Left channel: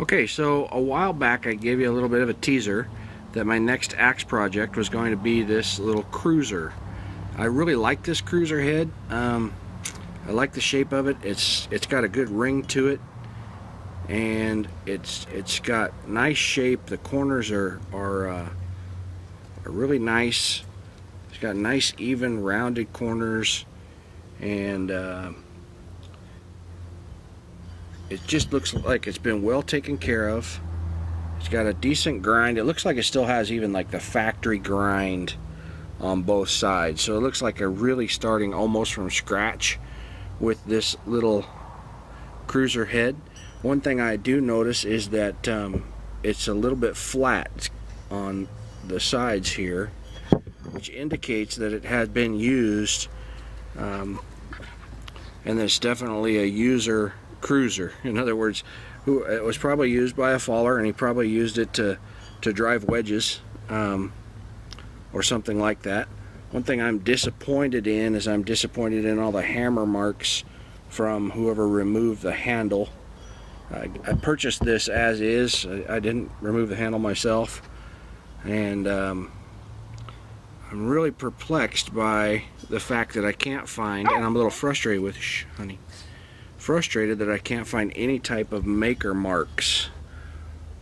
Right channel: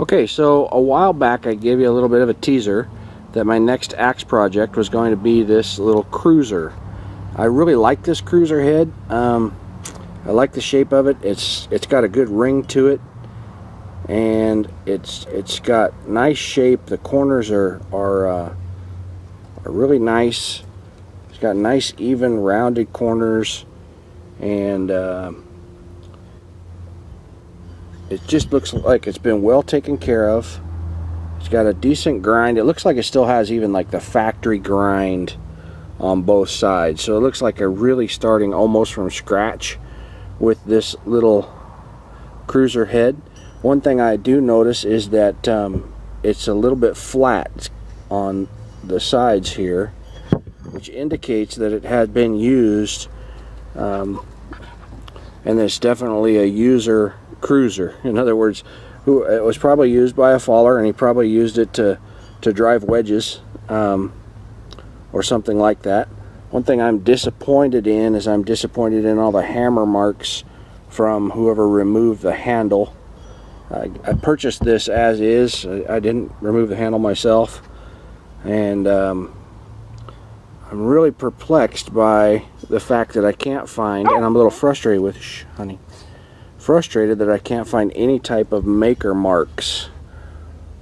Okay, so a while back I gave you a little bit of a teaser that my next axe project was going to be this little cruiser. I really like this cruiser head. I like the shape of it. It's got a good ring to it, and it's got nice shape. The corners are really nice. It's got nice even rounded corners, and it just looks like it's been well taken care of. It's got a decent grind. It looks like it still has even like the factory grind on both sides. So it looks like they're really starting almost from scratch with this little cruiser head. One thing I do notice is that it's a little bit flat on the sides here, which indicates that it had been used, and it's definitely a user cruiser. In other words, it was probably used by a faller, and he probably used it to drive wedges or something like that. One thing I'm disappointed in is I'm disappointed in all the hammer marks from whoever removed the handle. I purchased this as is. I didn't remove the handle myself, and I'm really perplexed by the fact that I can't find, and I'm a little frustrated with, frustrated that I can't find any type of maker marks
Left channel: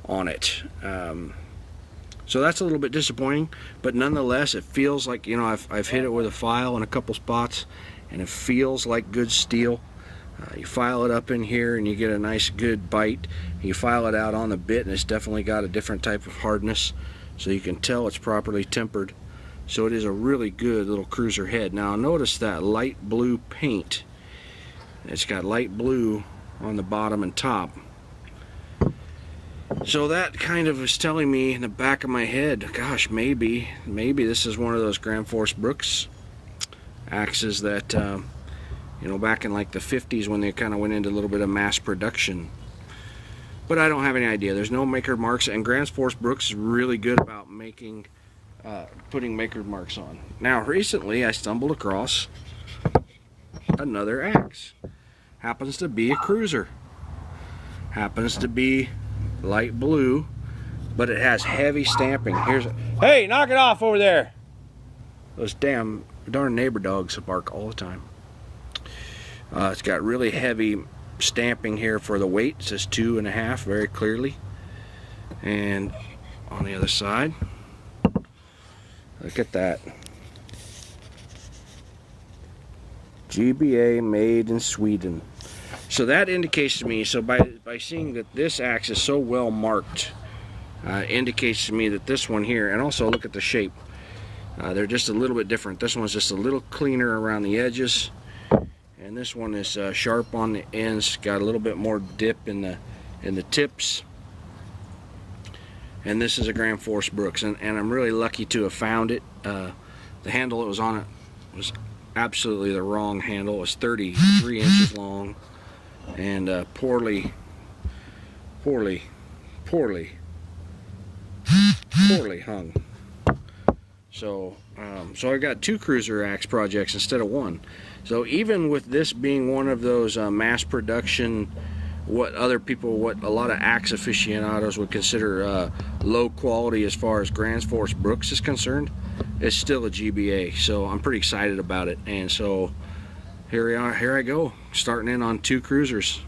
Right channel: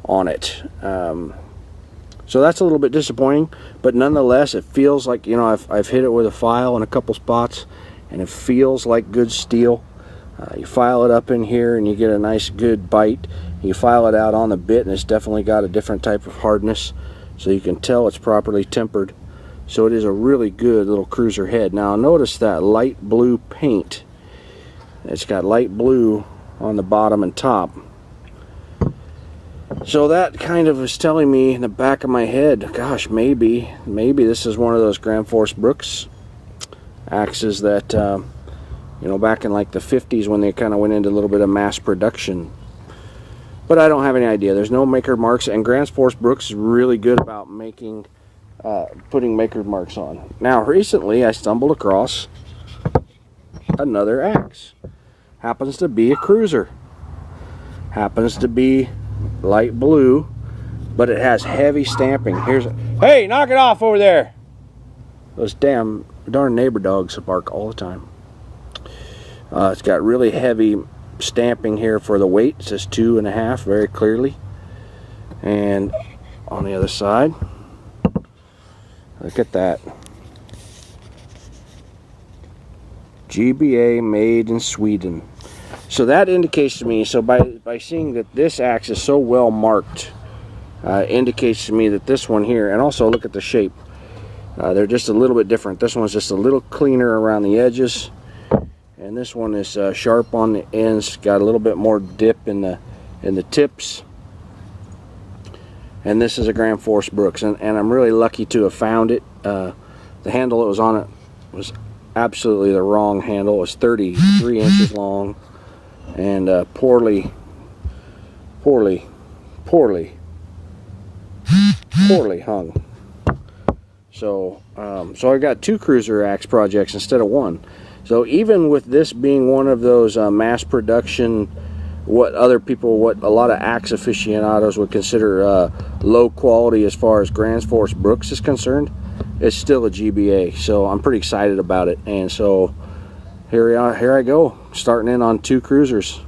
on it. So that's a little bit disappointing, but nonetheless it feels like, you know, I've hit it with a file in a couple spots, and it feels like good steel. You file it up in here and you get a nice good bite. You file it out on the bit and it's definitely got a different type of hardness, so you can tell it's properly tempered. So it is a really good little cruiser head. Now notice that light blue paint. It's got light blue on the bottom and top. So that kind of is telling me in the back of my head, gosh, maybe this is one of those Grand Force Brooks axes that, you know, back in like the 50s when they kind of went into a little bit of mass production. But I don't have any idea. There's no maker marks, and Grand Force Brooks is really good about making, putting maker marks on. Now, recently I stumbled across another axe. Happens to be a cruiser. Happens to be light blue, but it has heavy stamping. Hey, knock it off over there! Those darn neighbor dogs bark all the time. It's got really heavy stamping here for the weight. It says 2.5 very clearly. And on the other side, look at that. GBA made in Sweden. So that indicates to me, so by seeing that this axe is so well marked, indicates to me that this one here, and also look at the shape, they're just a little bit different. This one's just a little cleaner around the edges, and this one is sharp on the ends, got a little bit more dip in the tips. And this is a Grand Force Brooks, and I'm really lucky to have found it. The handle that was on it was absolutely the wrong handle. It was 33 inches long, and poorly hung. So so I got 2 cruiser axe projects instead of 1. So even with this being one of those mass production, what a lot of axe aficionados would consider low quality as far as Grand Force Brooks is concerned, it's still a GBA. So I'm pretty excited about it, and so here I go, starting in on 2 cruisers.